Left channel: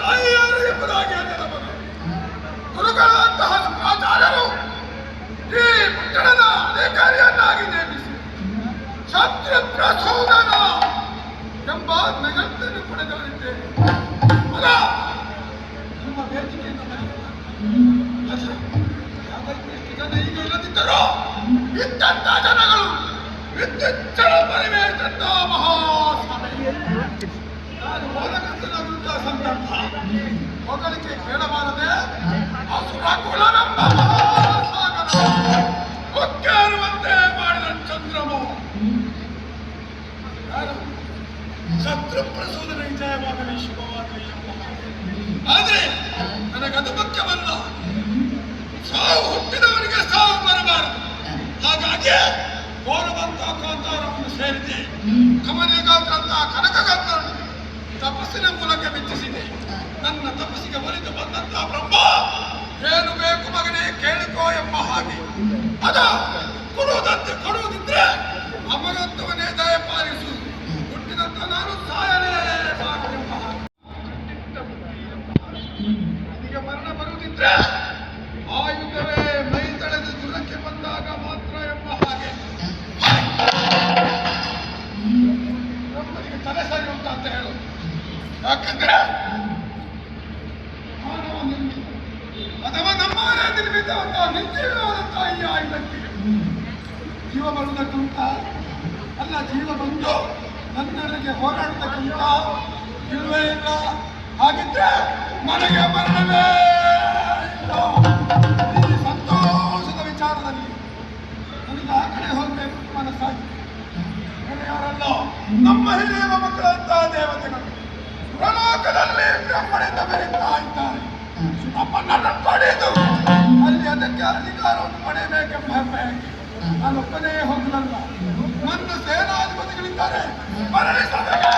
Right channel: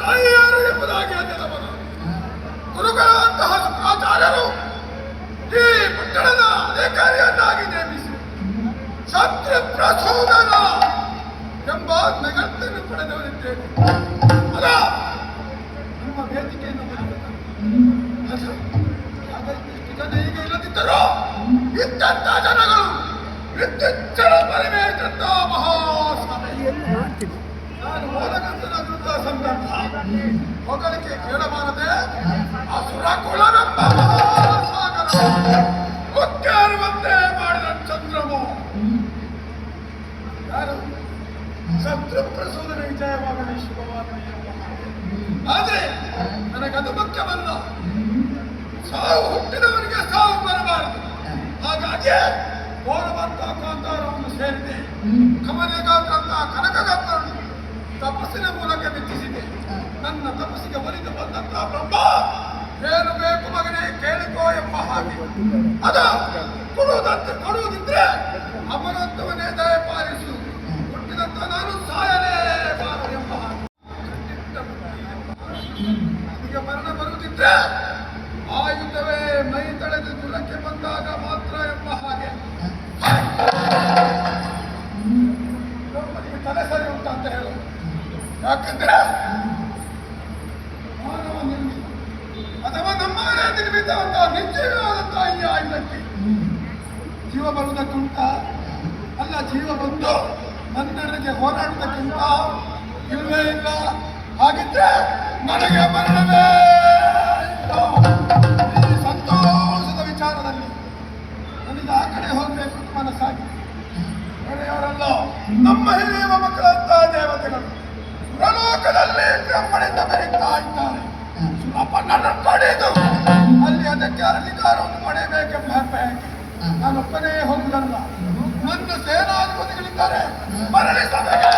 ತಾಯಿ ಯಾರು ಎಂಬುದಾಗಿ ಅರಿಯಬಹುದು. ಗುರುಗಳಂತಹ ಆಚಾರ್ಯರು ಈ ಪಟ್ಟಣದ ಅಧಿಕಾರಿಯನ್ನಾಗಿ ನೇಮಿಸಿ ಶತ್ರು ಪ್ರಚೋದನ ಎಂಬ ನಗರವನ್ನು ಪಡೆದವರಿದ್ದೇನೆ. ಅದ ನಿಮ್ಮ ವೇದಿಕೆಯಿಂದ ಈಗ ಇಲ್ಲದಿದ್ದರೂ ಇಂಥ ಜನಗಳು ವಿದ್ಯುಚ್ಛಲ ಪರಿವೇಶಂತ ಮಹಾಸಭೆ ನಾನು ಓದಕಂತ ಸಂದರ್ಭ ಹೊಗಳಿಕೆ ಕೇಳಬಾರದೆ ಅಸುರ ಕುಲವೆಂಬ ಮಹಾಸಾಗರ ಒಕ್ಕೇರುವಂತೆ ಮಾಡಿದ ಚಂದ್ರಮೋ ಯಾರು ಶತ್ರು ಪ್ರಸೋದನೆ ವಿಜಯವಾಗಲಿ ಶುಭವಾಗಲಿ ಎಂಬ ಆದರೆ ನನಗದು ಮುಖ್ಯವಲ್ಲ. ಸಾವು ಹುಟ್ಟಿದವನಿಗೆ ಸಾವು ಬರಬಾರದು. ಹಾಗಾಗಿ ಗೋರವಂತ ಕಾಂತಾರವನ್ನು ಸೇರಿದೆ. ಕಮನೆಗಾದ್ರಂತ ಕನಕಗಾತ್ರನು ತಪಸ್ಸಿನ ಮೂಲಕ ಮೆಚ್ಚಿಸಿದೆ. ನನ್ನ ತಪಸ್ಸಿಗೆ ಒಲಿದು ಬಂದಂತ ಬ್ರಹ್ಮ ಏನು ಬೇಕು ಮಗನೇ ಕೇಳಿಕೋ ಎಂಬ ಹಾಗೆ ಅದ ಕೊಡುವುದಂತೆ ಕೊಡುವುದಿದ್ರೆ ಅಮರಂತವನ್ನೇ ದಯ ಪಾಲಿಸು. ಹುಟ್ಟಿದಂತ ನಾನು ಸಾಯಲೇಬಾರದು ಎಂಬ ಹಾಗೆ ನನಗೆ ಮರಣ ಬರುವುದಿದ್ರೆ ಆಯುಧವೇ ಮೈ ತಳೆದು ದುರಕ್ಕೆ ಬಂದಾಗ ಮಾತ್ರ ಎಂಬ ಹಾಗೆ ಬ್ರಹ್ಮನಿಗೆ ತಲೆ ಸರಿ ಉಂಟ ಅಂತ ಹೇಳು. ಯಾಕಂದ್ರೆ ಅಥವಾ ನಮ್ಮ ನಿರ್ಮಿತವಂತ ನಿಶ್ಚಯವಾದಂತಹ ಈ ಆಯುಧಕ್ಕೆ ಜೀವ ಬರುವುದಕ್ಕುಂಟ ಅಲ್ಲ, ಜೀವ ಬಂದು ನನ್ನೆಡೆಗೆ ಹೋರಾಡುವುದಕ್ಕುಂಟ ಇಲ್ಲವೇ ಇಲ್ಲ. ಹಾಗಿದ್ರೆ ನನಗೆ ಮರಣವೇ ಈ ಸಂತೋಷದ ವಿಚಾರದಲ್ಲಿ ನನಗೆ ಆ ಕಡೆ ಹೋಗಬೇಕು ಮನಸ್ಸಾಗಿ ಯಾರಲ್ಲ ನಮ್ಮ ಹಿರಿಯ ಮಕ್ಕಳಂತಹ ದೇವತೆಗಳು ಪ್ರಲೋಕದಲ್ಲಿ ಬ್ರಹ್ಮಣಿಂದ ಬೆರೀತಾ ಇದ್ದಾರೆ. ನಮ್ಮನ್ನ ಪಡೆದು ಅಲ್ಲಿ ಅದಕ್ಕೆ ಅಧಿಕಾರವನ್ನು ಪಡೆಯಬೇಕೆಂಬ ನಾನೊಬ್ಬನೇ ಹೋಗುದಲ್ಲ, ನನ್ನ ಸೇನಾಧಿಪತಿಗಳಿದ್ದಾರೆ ಮರಳಿಸಬೇಕು.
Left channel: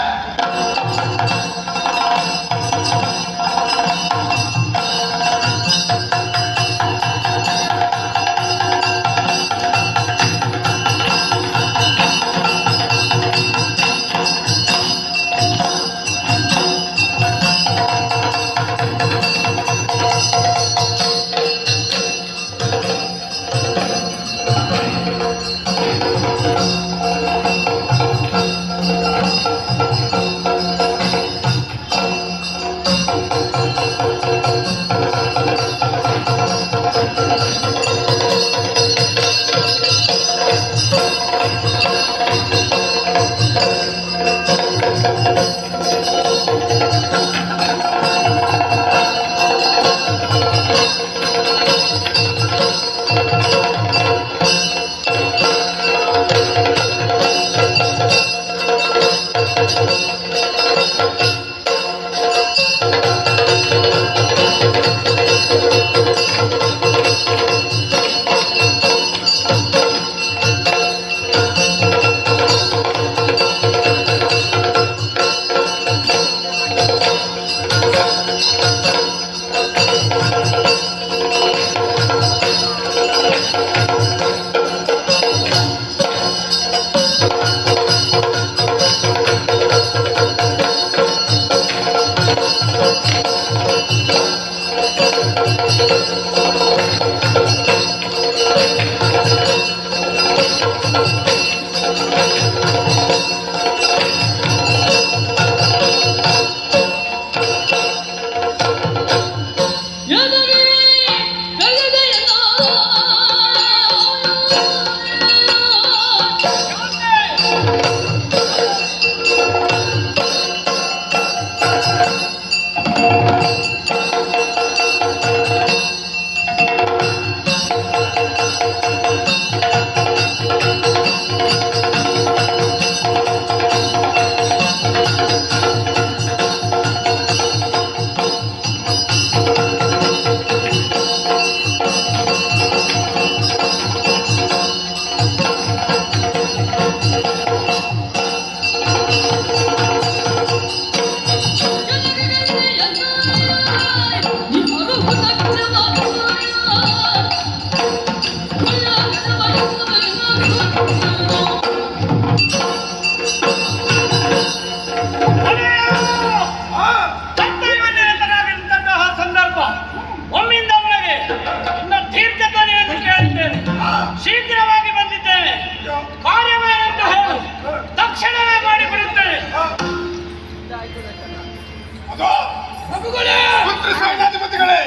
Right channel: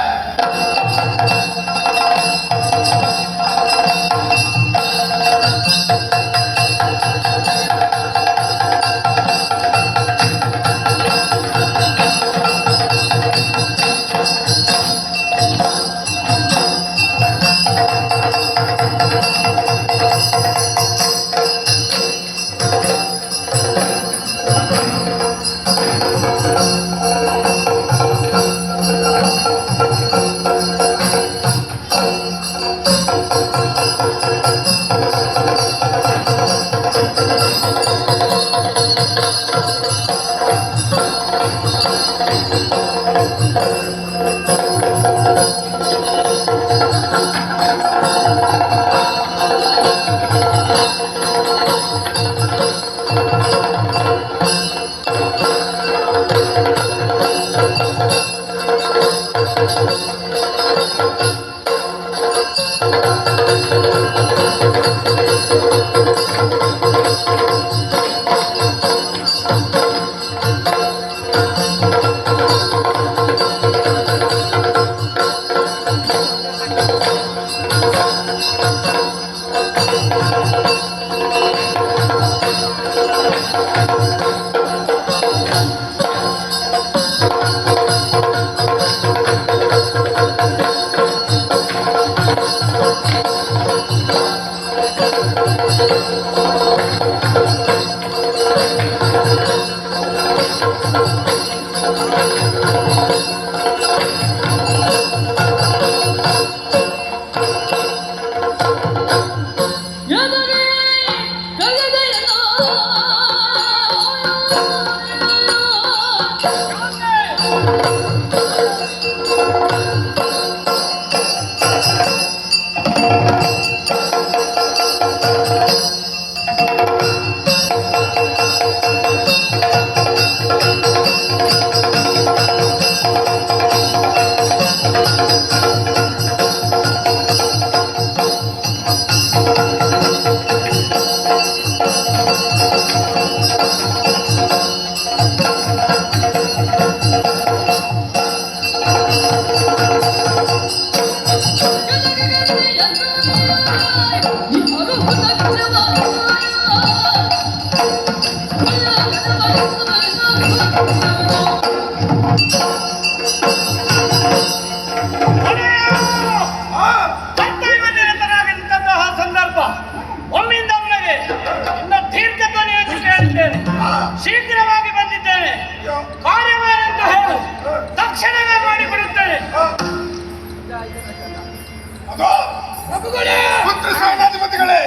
ಮಂತ್ರಿ ಸೇನಾಧಿಪತಿಗಳೇ,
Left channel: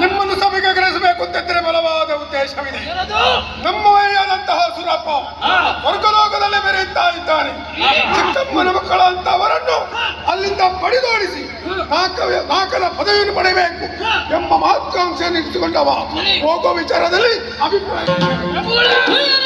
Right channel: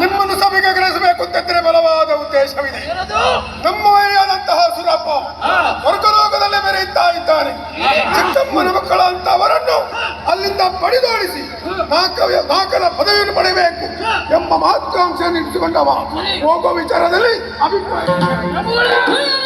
ನಿಮ್ಮನ್ನು ಸಭೆಗೆ ಗ್ರಹಿಸಬೇಕು ಅಂತಿದ್ದರೆ ಬಲವಾದ ಉದ್ದೇಶವಿದೆ. ನಮ್ಮ ವೈಯಾದಂತಹ ಸುರಪ್ಪ ಸ್ವರ್ಗಲೋಕದಲ್ಲೇ ಮೆರೆಯುತ್ತಾ ಇದ್ದಾನೆ. ಚಿಕ್ಕಮ್ಮನ ಮಕ್ಕಳ ಅಂತವರನ್ನು ಅಲ್ಲಿಂದ ಬಡಿದೋಡಿಸಿ ನಾಲ್ಕರ ಪದವಿಯನ್ನು ಪಡೆಯಬೇಕು ಎಂಬ ಮಹತ್ವಾಂಶವನ್ನು ಇರಿಸಿಕೊಂಡವ. ಹೋಗುವ ವಿಚಾರದಲ್ಲಿ ಅಭಿಪ್ರಾಯ ಕೇಳು